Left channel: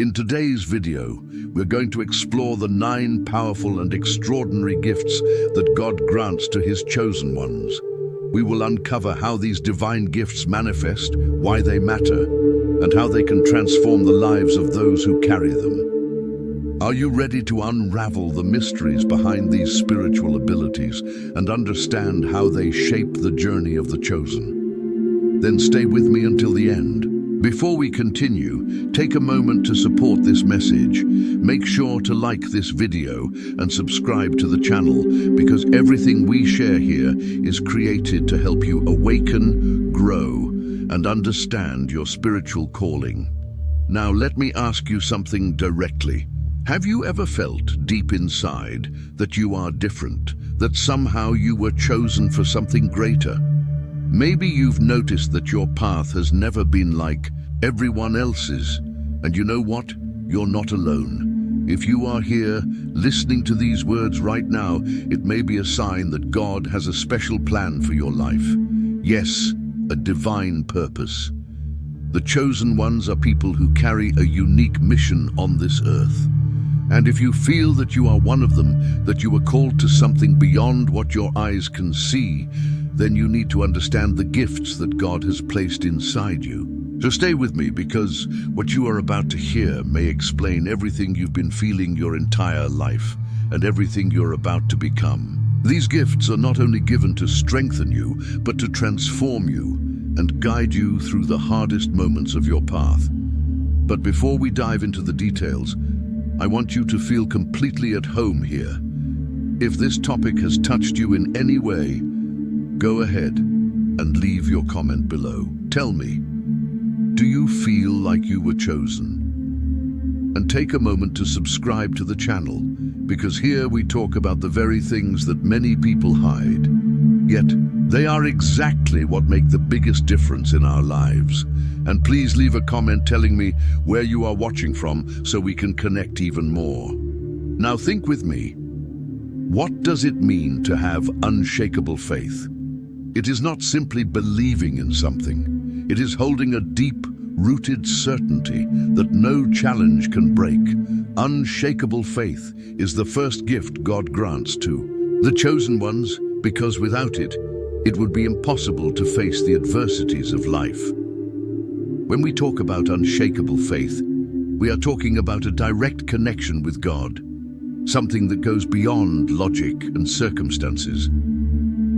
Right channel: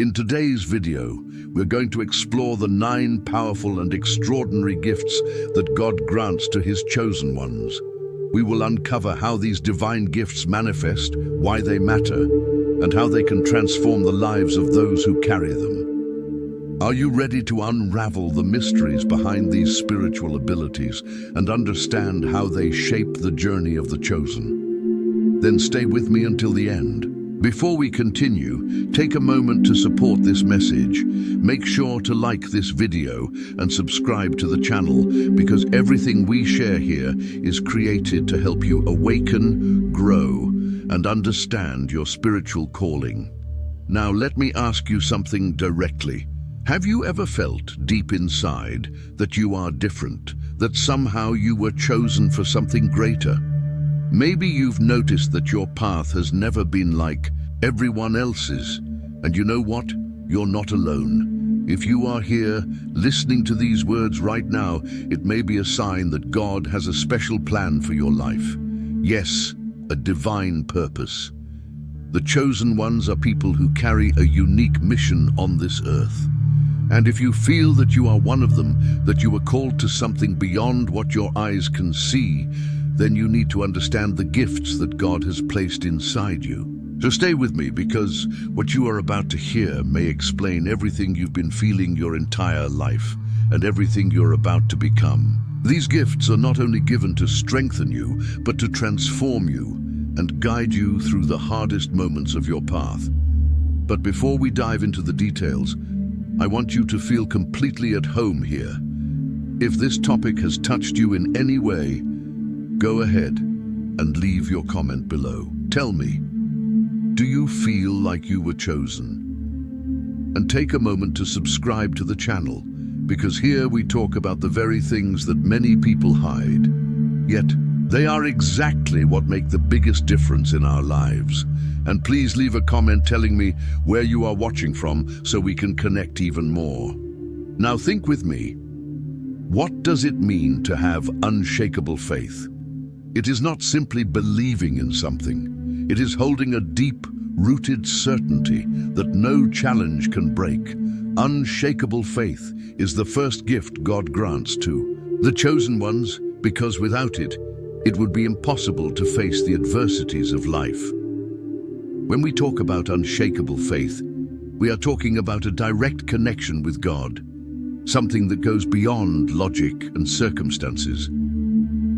In today's video, we're going to explore the 9 powerful and extraordinary gifts that God grants to His chosen ones. We will uncover how these divine gifts manifest, why they matter, and how they can transform the lives of those who carry them. Are you ready to unravel the mysteries behind these spiritual abilities and understand how they shape the journey of the chosen? Then stay with me until the end. Before we continue, take a moment to support this message. Make sure to like this video and subscribe to the channel, because everything we share here is created to help you awaken, grow, and understand your spiritual calling. Now let me ask you something directly. Have you ever felt deep inside that you are different, that somehow you were chosen for something greater? Maybe you've noticed that your path has never been like everyone else's, and you know what? You're not alone. If you are here, listening to these words right now, it may be a sign that God has a special plan for your life. Yes, a divine purpose. The chosen ones are people who carry a unique mission on this earth. And if you feel that you are one of them, that you are called to something beyond what your eyes can see, then you need to understand the gifts that God has placed inside you. So stay with me, because what you are about to hear may explain everything you've been feeling your entire life and everything you're about to become. These gifts are not only given to strengthen you, but to transform you and guide you through the hardest moments of your path. But before we dive into the details, I want you to feel completely at home here. If this topic has touched you in any way, go ahead and leave your comment below. Tell me, do you feel like you were chosen? And take a moment to subscribe to the channel, because here we talk about the very things that many people hide. Yet, they are exactly what make the biggest difference in our lives. And please leave a comment telling me where you are watching from so we can connect even more. Now think with me. What does it mean to have unshakable faith? It is not simply believing in something. It is holding a deep-rooted certainty that no challenge can break. Unshakable faith is the first gift God grants to the chosen ones, because without it, it would be impossible to face the adversities of life. When we talk about unshakable faith, we are talking about a direct connection with God, something that goes beyond logic and circumstances.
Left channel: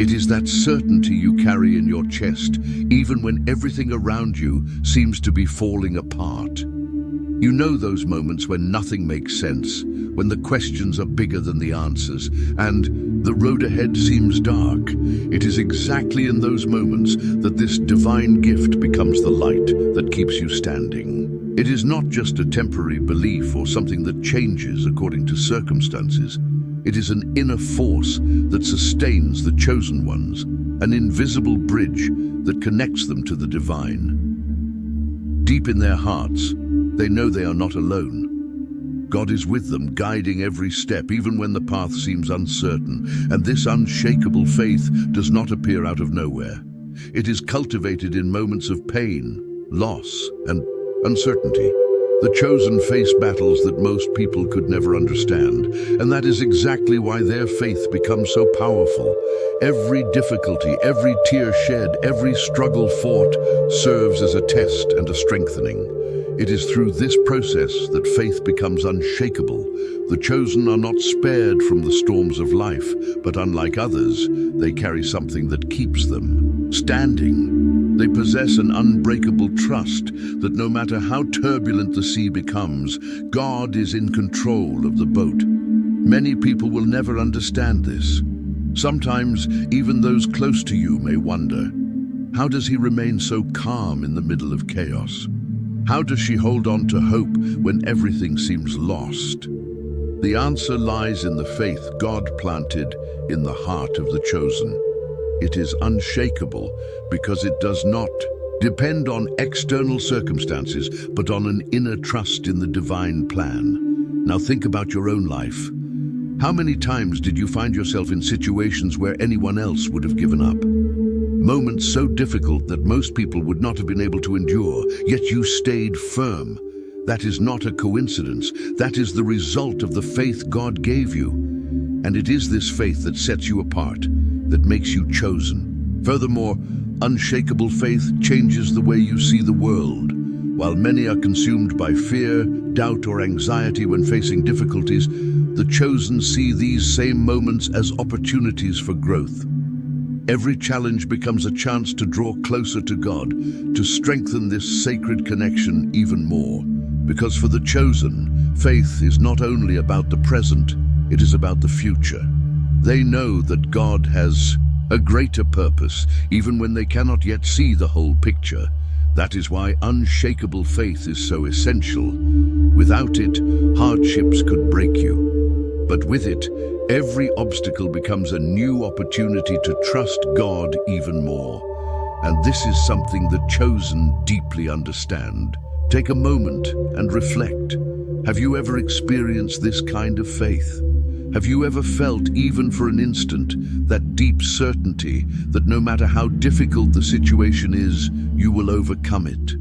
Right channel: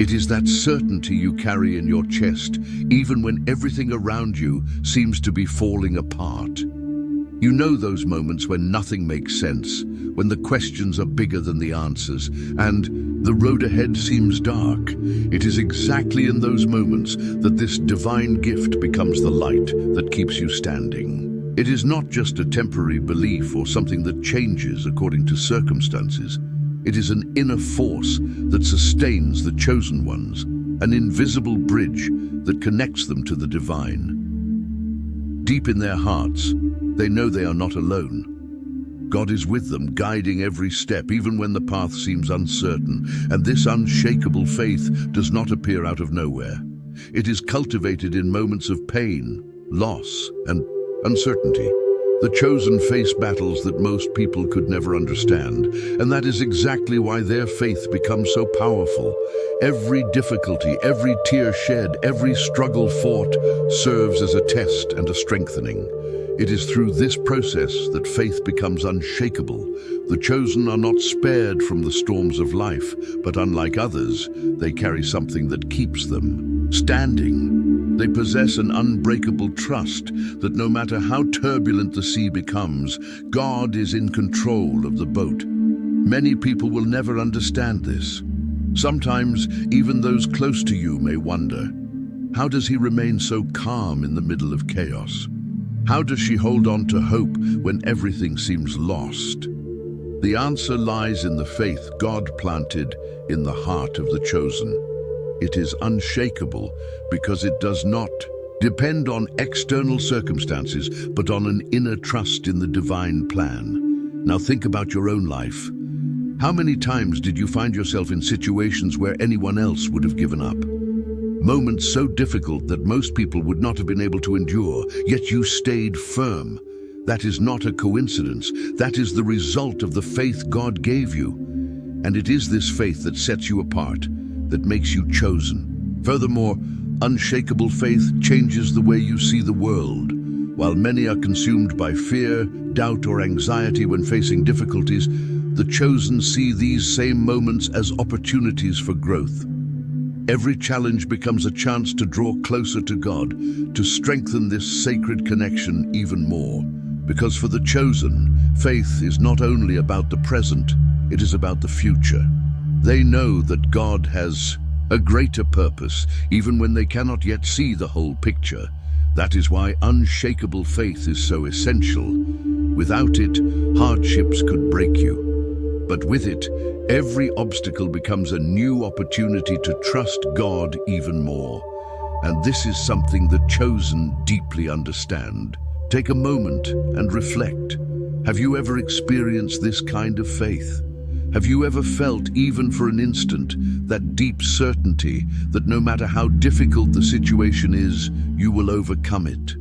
It is that certainty you carry in your chest, even when everything around you seems to be falling apart. You know those moments when nothing makes sense, when the questions are bigger than the answers, and the road ahead seems dark. It is exactly in those moments that this divine gift becomes the light that keeps you standing. It is not just a temporary belief or something that changes according to circumstances. It is an inner force that sustains the chosen ones, an invisible bridge that connects them to the divine. Deep in their hearts, they know they are not alone. God is with them, guiding every step, even when the path seems uncertain. And this unshakable faith does not appear out of nowhere. It is cultivated in moments of pain, loss, and uncertainty. The chosen face battles that most people could never understand, and that is exactly why their faith becomes so powerful. Every difficulty, every tear shed, every struggle fought serves as a test and a strengthening. It is through this process that faith becomes unshakable. The chosen are not spared from the storms of life, but unlike others, they carry something that keeps them standing. They possess an unbreakable trust that no matter how turbulent the sea becomes, God is in control of the boat. Many people will never understand this. Sometimes even those close to you may wonder, how does he remain so calm in the middle of chaos? How does she hold on to hope when everything seems lost? The answer lies in the faith God planted in the heart of the chosen. It is unshakable because it does not depend on external circumstances, but on an inner trust in the divine plan. Now think about your own life. How many times did you find yourself in situations where anyone else would have given up? Moments so difficult that most people would not have been able to endure, yet you stayed firm. That is not a coincidence. That is the result of the faith God gave you. And it is this faith that sets you apart, that makes you chosen. Furthermore, unshakable faith changes the way you see the world. While many are consumed by fear, doubt, or anxiety when facing difficulties, the chosen see these same moments as opportunities for growth. Every challenge becomes a chance to draw closer to God, to strengthen this sacred connection even more. Because for the chosen, faith is not only about the present, it is about the future. They know that God has a greater purpose, even when they cannot yet see the whole picture. That is why unshakable faith is so essential. Without it, hardships could break you. But with it, every obstacle becomes a new opportunity to trust God even more. And this is something the chosen deeply understand. Take a moment and reflect. Have you ever experienced this kind of faith? Have you ever felt, even for an instant, that deep certainty that no matter how difficult the situation is, you will overcome it?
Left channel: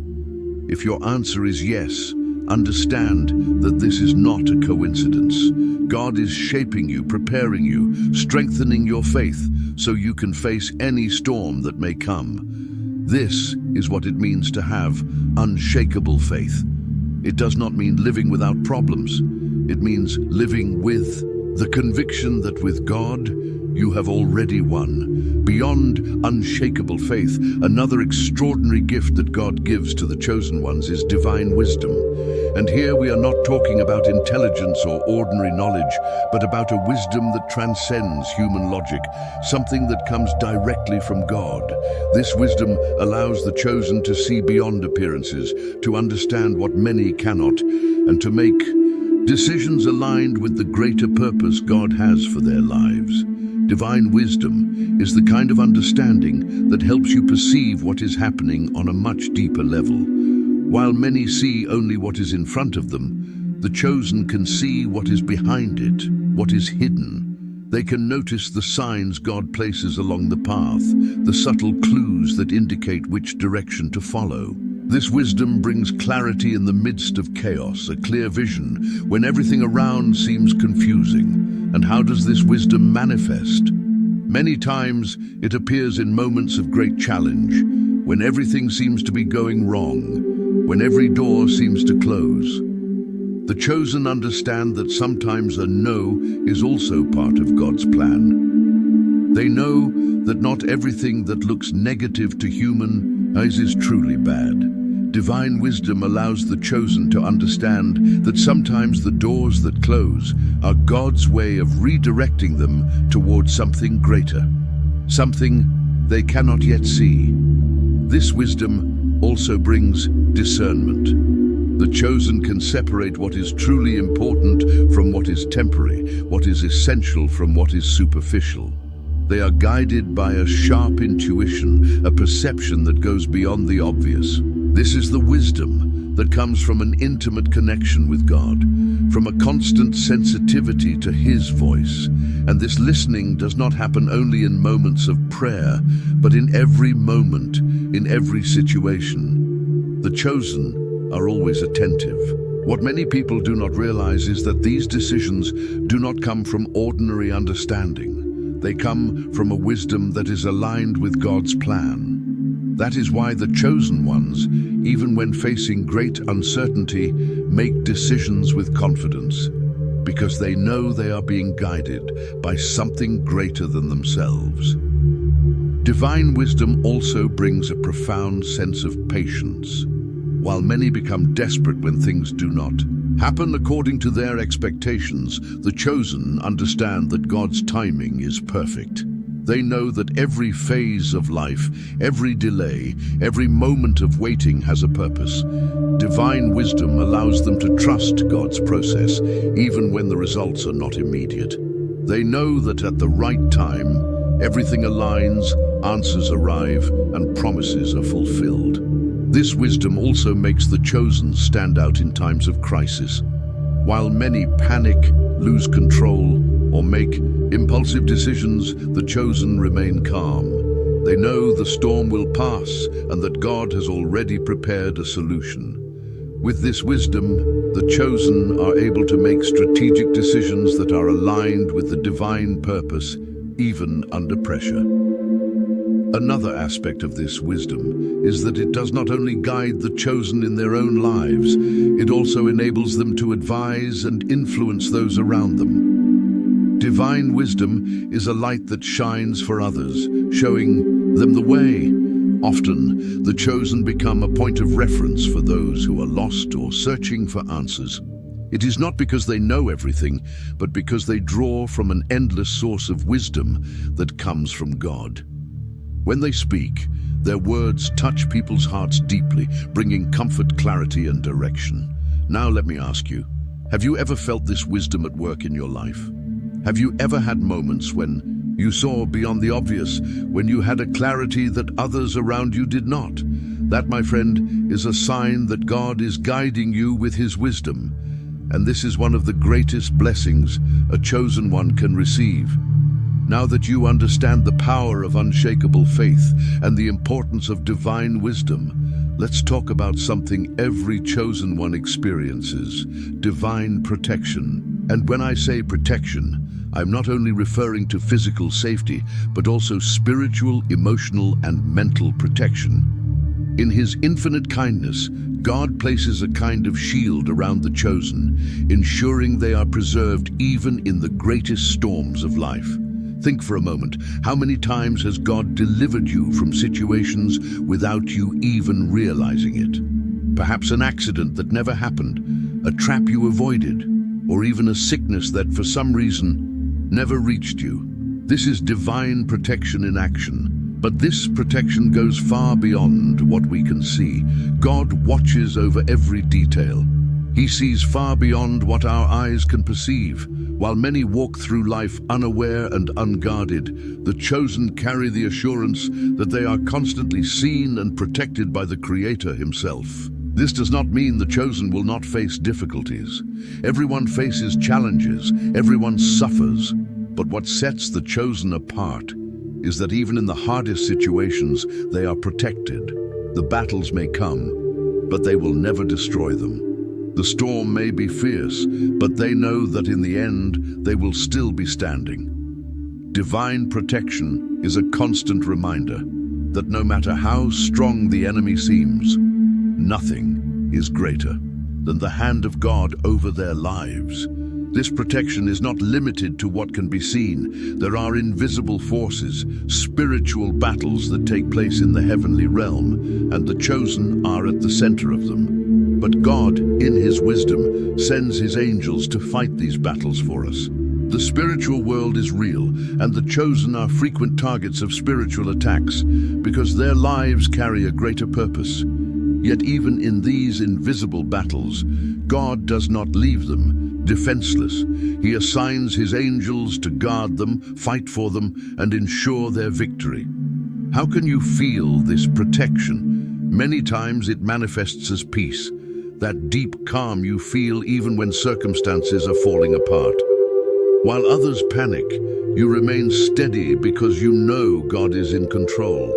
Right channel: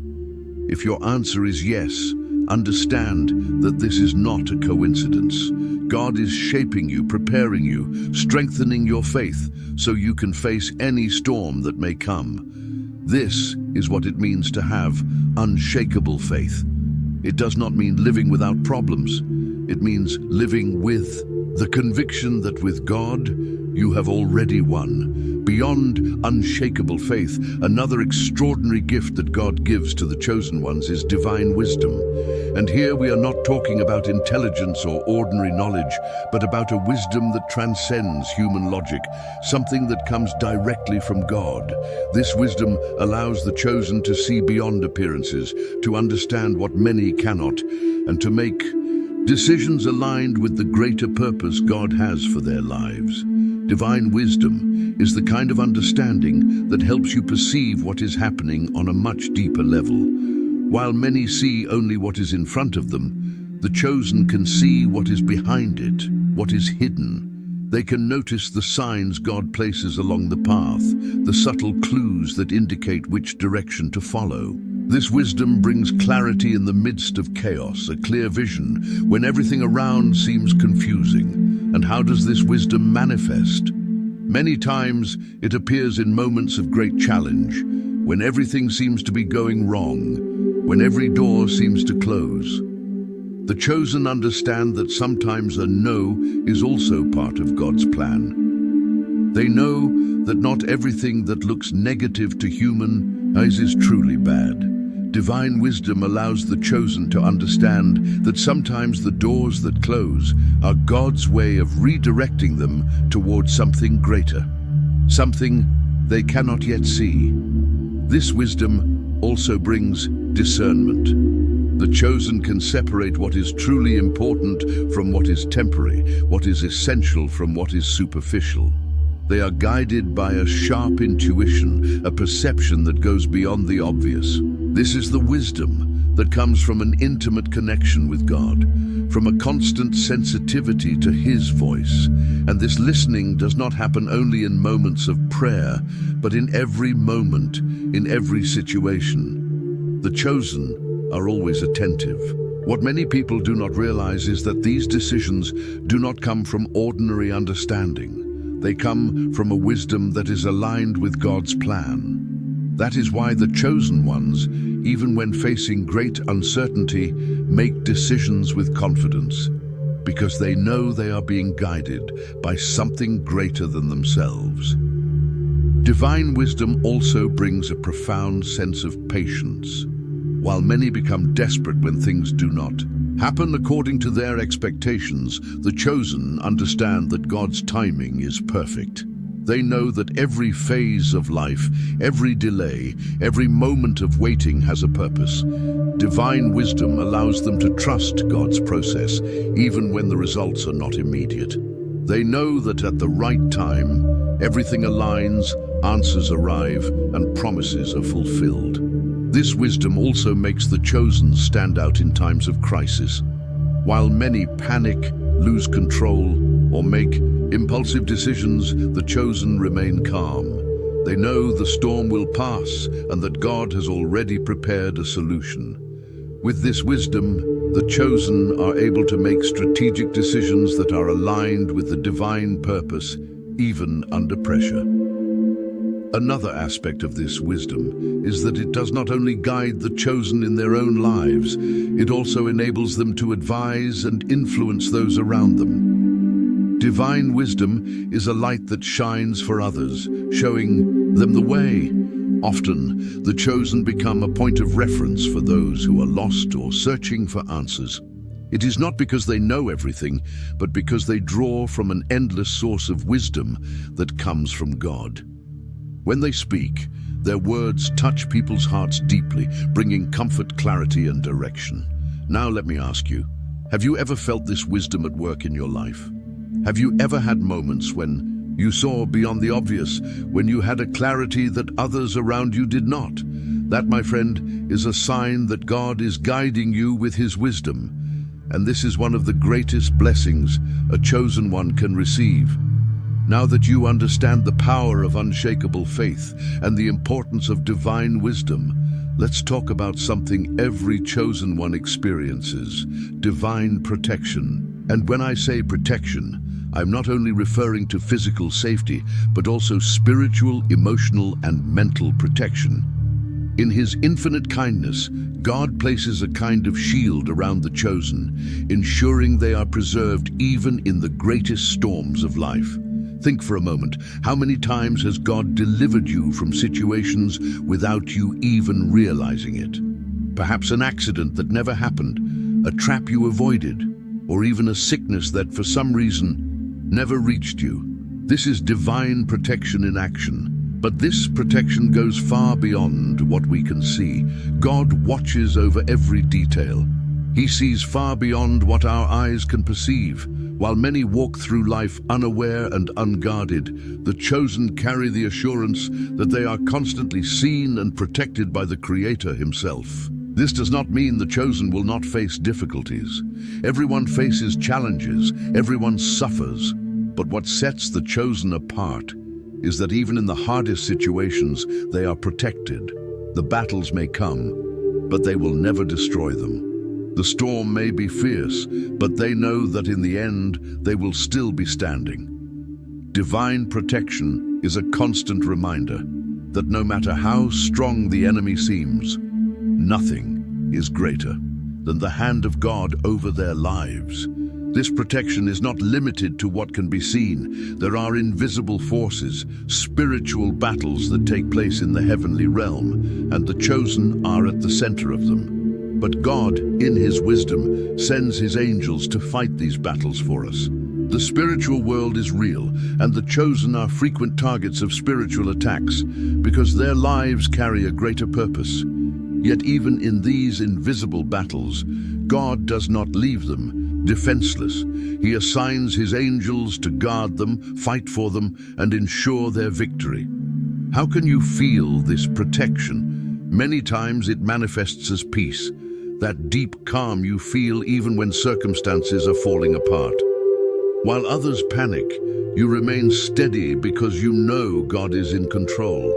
If your answer is yes, understand that this is not a coincidence. God is shaping you, preparing you, strengthening your faith so you can face any storm that may come. This is what it means to have unshakable faith. It does not mean living without problems. It means living with the conviction that with God, you have already won. Beyond unshakable faith, another extraordinary gift that God gives to the chosen ones is divine wisdom. And here we are not talking about intelligence or ordinary knowledge, but about a wisdom that transcends human logic, something that comes directly from God. This wisdom allows the chosen to see beyond appearances, to understand what many cannot, and to make decisions aligned with the greater purpose God has for their lives. Divine wisdom is the kind of understanding that helps you perceive what is happening on a much deeper level. While many see only what is in front of them, the chosen can see what is behind it, what is hidden. They can notice the signs God places along the path, the subtle clues that indicate which direction to follow. This wisdom brings clarity in the midst of chaos, a clear vision when everything around seems confusing. And how does this wisdom manifest? Many times it appears in moments of great challenge, when everything seems to be going wrong, when every door seems to close. The chosen understand that sometimes a no is also part of God's plan. They know that not everything that looks negative to human eyes is truly bad. Divine wisdom allows the chosen to understand that sometimes the doors that close are God's way of redirecting them towards something greater, something they cannot yet see. This wisdom also brings discernment. The chosen can separate what is truly important from what is temporary, what is essential from what is superficial. They are guided by a sharp intuition, a perception that goes beyond the obvious. This is the wisdom that comes from an intimate connection with God, from a constant sensitivity to His voice. And this listening does not happen only in moments of prayer, but in every moment, in every situation. The chosen are always attentive. What many people do not realize is that these decisions do not come from ordinary understanding. They come from a wisdom that is aligned with God's plan. That is why the chosen ones, even when facing great uncertainty, make decisions with confidence, because they know they are being guided by something greater than themselves. Divine wisdom also brings a profound sense of patience. While many become desperate when things do not happen according to their expectations, the chosen understand that God's timing is perfect. They know that every phase of life, every delay, every moment of waiting has a purpose. Divine wisdom allows them to trust God's process, even when the results are not immediate. They know that at the right time, everything aligns, answers arrive, and promises are fulfilled. This wisdom also makes the chosen stand out in times of crisis. While many panic, lose control, or make impulsive decisions, the chosen remain calm. They know the storm will pass and that God has already prepared a solution. With this wisdom, the chosen are able to make strategic decisions that are aligned with the divine purpose, even under pressure. Another aspect of this wisdom is that it does not only guide the chosen in their own lives, it also enables them to advise and influence those around them. Divine wisdom is a light that shines for others, showing them the way. Often, the chosen become a point of reference for those who are lost or searching for answers. It is not because they know everything, but because they draw from an endless source of wisdom that comes from God. When they speak, their words touch people's hearts deeply, bringing comfort, clarity, and direction. Now let me ask you, have you ever felt this wisdom at work in your life? Have you ever had moments when you saw beyond the obvious, when you had a clarity that others around you did not? That, my friend, is a sign that God is guiding you with His wisdom. And this is one of the greatest blessings a chosen one can receive. Now that you understand the power of unshakable faith and the importance of divine wisdom, let's talk about something every chosen one experiences: divine protection. And when I say protection, I'm not only referring to physical safety, but also spiritual, emotional, and mental protection. In His infinite kindness, God places a kind of shield around the chosen, ensuring they are preserved even in the greatest storms of life. Think for a moment, how many times has God delivered you from situations without you even realizing it? Perhaps an accident that never happened, a trap you avoided, or even a sickness that for some reason never reached you. This is divine protection in action. But this protection goes far beyond what we can see. God watches over every detail. He sees far beyond what our eyes can perceive. While many walk through life unaware and unguarded, the chosen carry the assurance that they are constantly seen and protected by the Creator Himself. This does not mean the chosen will not face difficulties. Everyone faces challenges, everyone suffers. But what sets the chosen apart is that even in the hardest situations, they are protected. The battles may come, but they will never destroy them. The storm may be fierce, but they know that in the end, they will still be standing. Divine protection is a constant reminder that no matter how strong the enemy seems, nothing is greater than the hand of God over their lives. This protection is not limited to what can be seen. There are invisible forces, spiritual battles that take place in the heavenly realm, and the chosen are at the center of them. But God, in His wisdom, sends His angels to fight these battles for us. The spiritual world is real, and the chosen are frequent targets of spiritual attacks because their lives carry a greater purpose. Yet even in these invisible battles, God does not leave them defenseless. He assigns His angels to guard them, fight for them, and ensure their victory. How can you feel this protection? Many times it manifests as peace, that deep calm you feel even when circumstances are falling apart. While others panic, you remain steady because you know God is in control.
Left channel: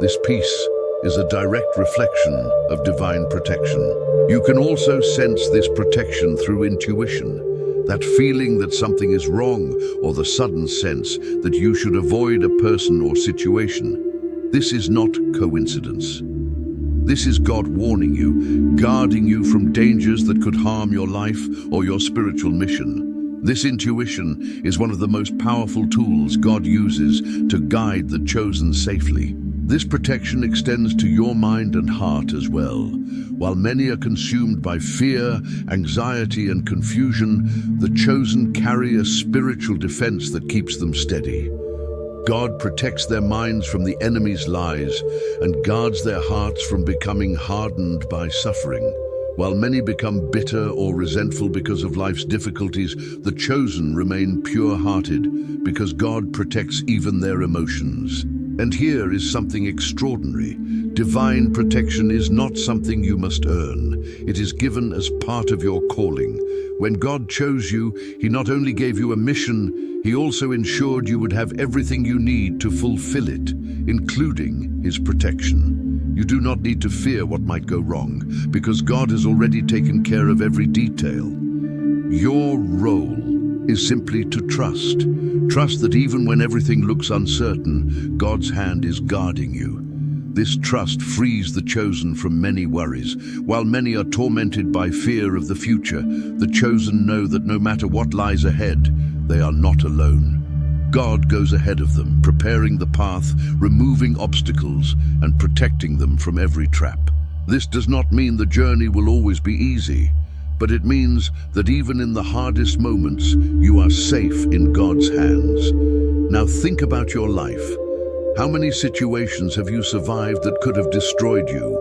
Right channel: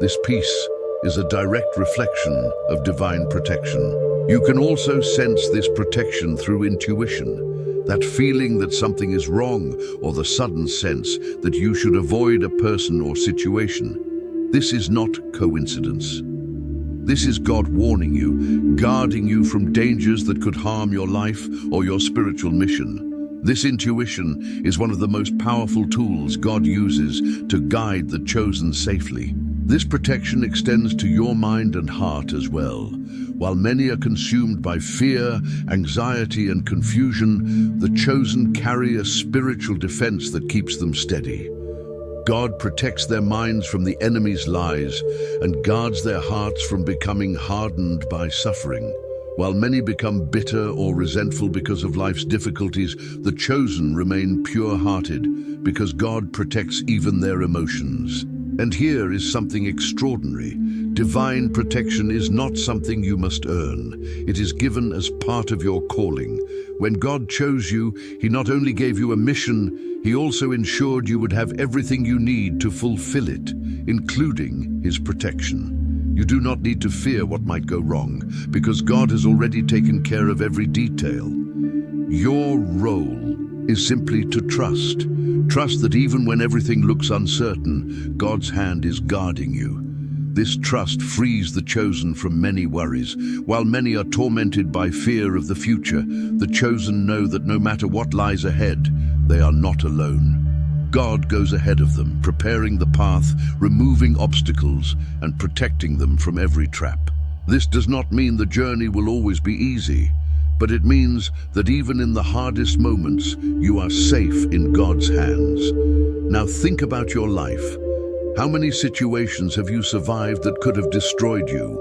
This peace is a direct reflection of divine protection. You can also sense this protection through intuition, that feeling that something is wrong, or the sudden sense that you should avoid a person or situation. This is not coincidence. This is God warning you, guarding you from dangers that could harm your life or your spiritual mission. This intuition is one of the most powerful tools God uses to guide the chosen safely. This protection extends to your mind and heart as well. While many are consumed by fear, anxiety, and confusion, the chosen carry a spiritual defense that keeps them steady. God protects their minds from the enemy's lies and guards their hearts from becoming hardened by suffering. While many become bitter or resentful because of life's difficulties, the chosen remain pure-hearted because God protects even their emotions. And here is something extraordinary. Divine protection is not something you must earn. It is given as part of your calling. When God chose you, He not only gave you a mission, He also ensured you would have everything you need to fulfill it, including His protection. You do not need to fear what might go wrong, because God has already taken care of every detail. Your role is simply to trust. Trust that even when everything looks uncertain, God's hand is guarding you. This trust frees the chosen from many worries. While many are tormented by fear of the future, the chosen know that no matter what lies ahead, they are not alone. God goes ahead of them, preparing the path, removing obstacles, and protecting them from every trap. This does not mean the journey will always be easy, but it means that even in the hardest moments, you are safe in God's hands. Now think about your life. How many situations have you survived that could have destroyed you?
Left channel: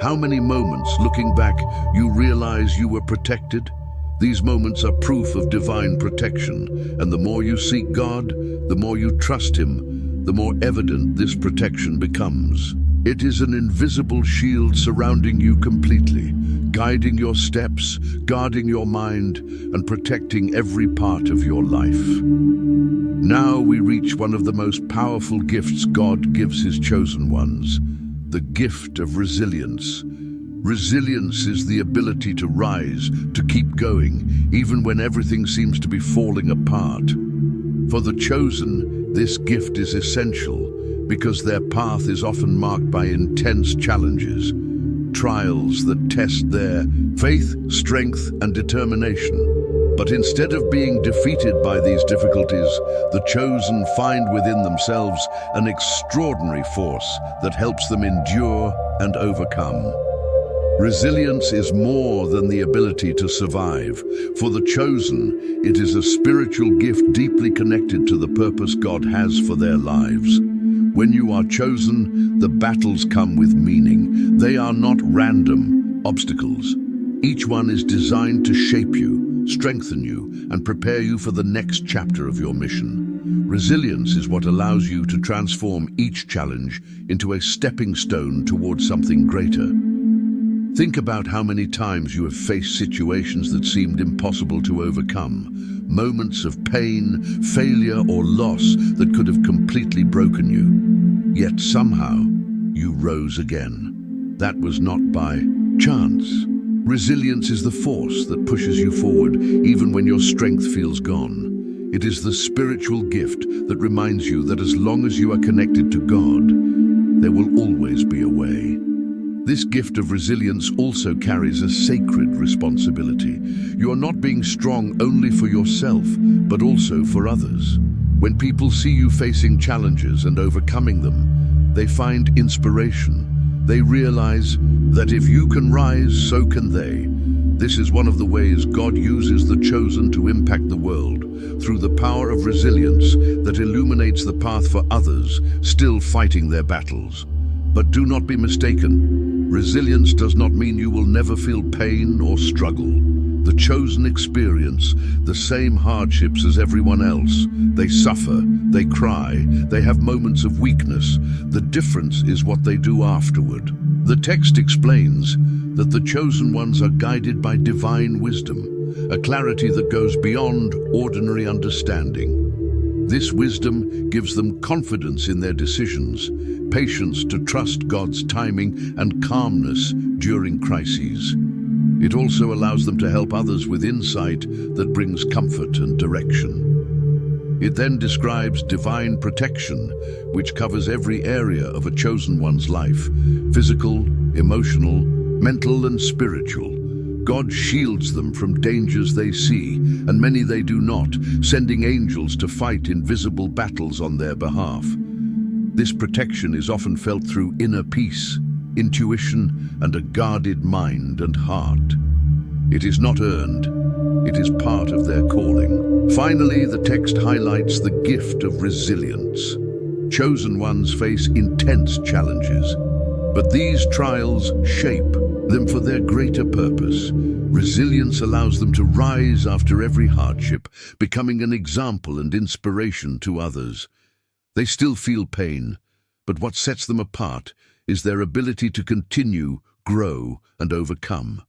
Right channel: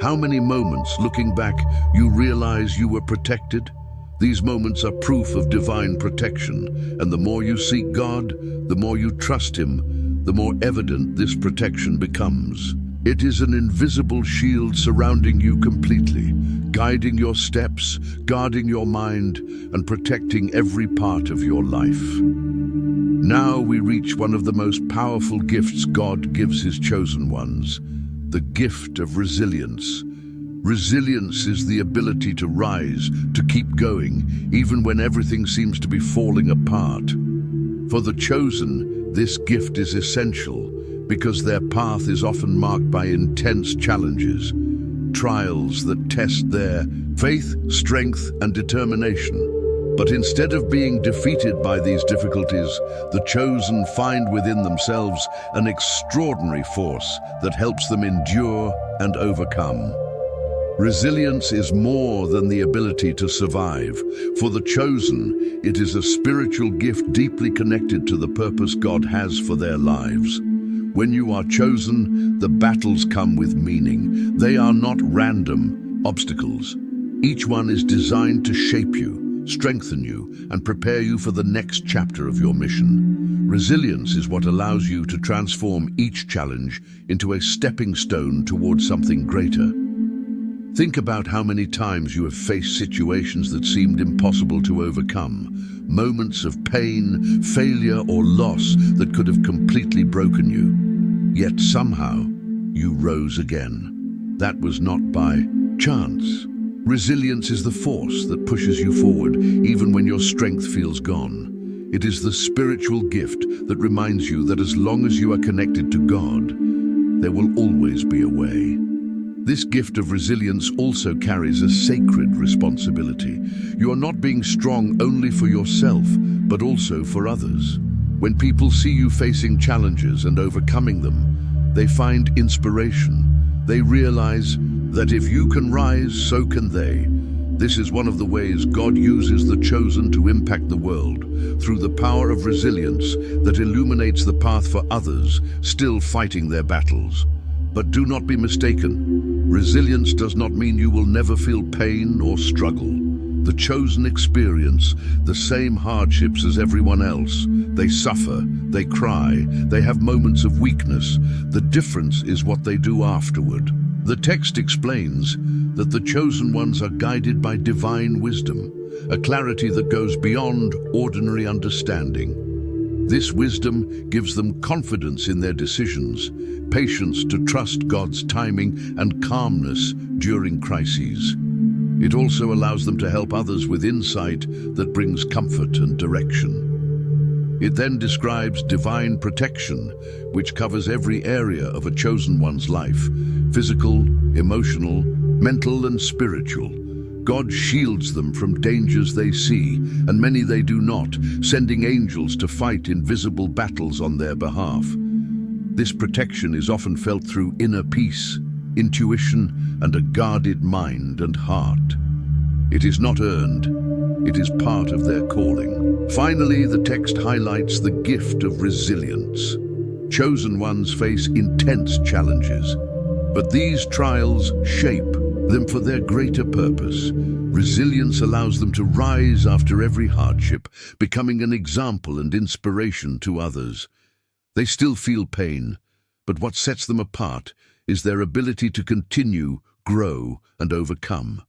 How many moments, looking back, you realize you were protected? These moments are proof of divine protection, and the more you seek God, the more you trust Him, the more evident this protection becomes. It is an invisible shield surrounding you completely, guiding your steps, guarding your mind, and protecting every part of your life. Now we reach one of the most powerful gifts God gives His chosen ones, the gift of resilience. Resilience is the ability to rise, to keep going, even when everything seems to be falling apart. For the chosen, this gift is essential because their path is often marked by intense challenges, trials that test their faith, strength, and determination. But instead of being defeated by these difficulties, the chosen find within themselves an extraordinary force that helps them endure and overcome. Resilience is more than the ability to survive. For the chosen, it is a spiritual gift deeply connected to the purpose God has for their lives. When you are chosen, the battles come with meaning. They are not random obstacles. Each one is designed to shape you, strengthen you, and prepare you for the next chapter of your mission. Resilience is what allows you to transform each challenge into a stepping stone towards something greater. Think about how many times you have faced situations that seemed impossible to overcome, moments of pain, failure, or loss that could have completely broken you. Yet somehow, you rose again. That was not by chance. Resilience is the force that pushes you forward even when your strength feels gone. It is the spiritual gift that reminds you that as long as you are connected to God, there will always be a way. This gift of resilience also carries a sacred responsibility. You are not being strong only for yourself, but also for others. When people see you facing challenges and overcoming them, they find inspiration. They realize that if you can rise, so can they. This is one of the ways God uses the chosen to impact the world, through the power of resilience that illuminates the path for others still fighting their battles. But do not be mistaken. Resilience does not mean you will never feel pain or struggle. The chosen experience the same hardships as everyone else. They suffer, they cry, they have moments of weakness. The difference is what they do afterward. The text explains that the chosen ones are guided by divine wisdom, a clarity that goes beyond ordinary understanding. This wisdom gives them confidence in their decisions, patience to trust God's timing, and calmness during crises. It also allows them to help others with insight that brings comfort and direction. It then describes divine protection, which covers every area of a chosen one's life: physical, emotional, mental, and spiritual. God shields them from dangers they see, and many they do not, sending angels to fight invisible battles on their behalf. This protection is often felt through inner peace, intuition, and a guarded mind and heart. It is not earned, it is part of their calling. Finally, the text highlights the gift of resilience. Chosen ones face intense challenges, but these trials shape them for their greater purpose. Resilience allows them to rise after every hardship, becoming an example and inspiration to others. They still feel pain, but what sets them apart is their ability to continue, grow, and overcome.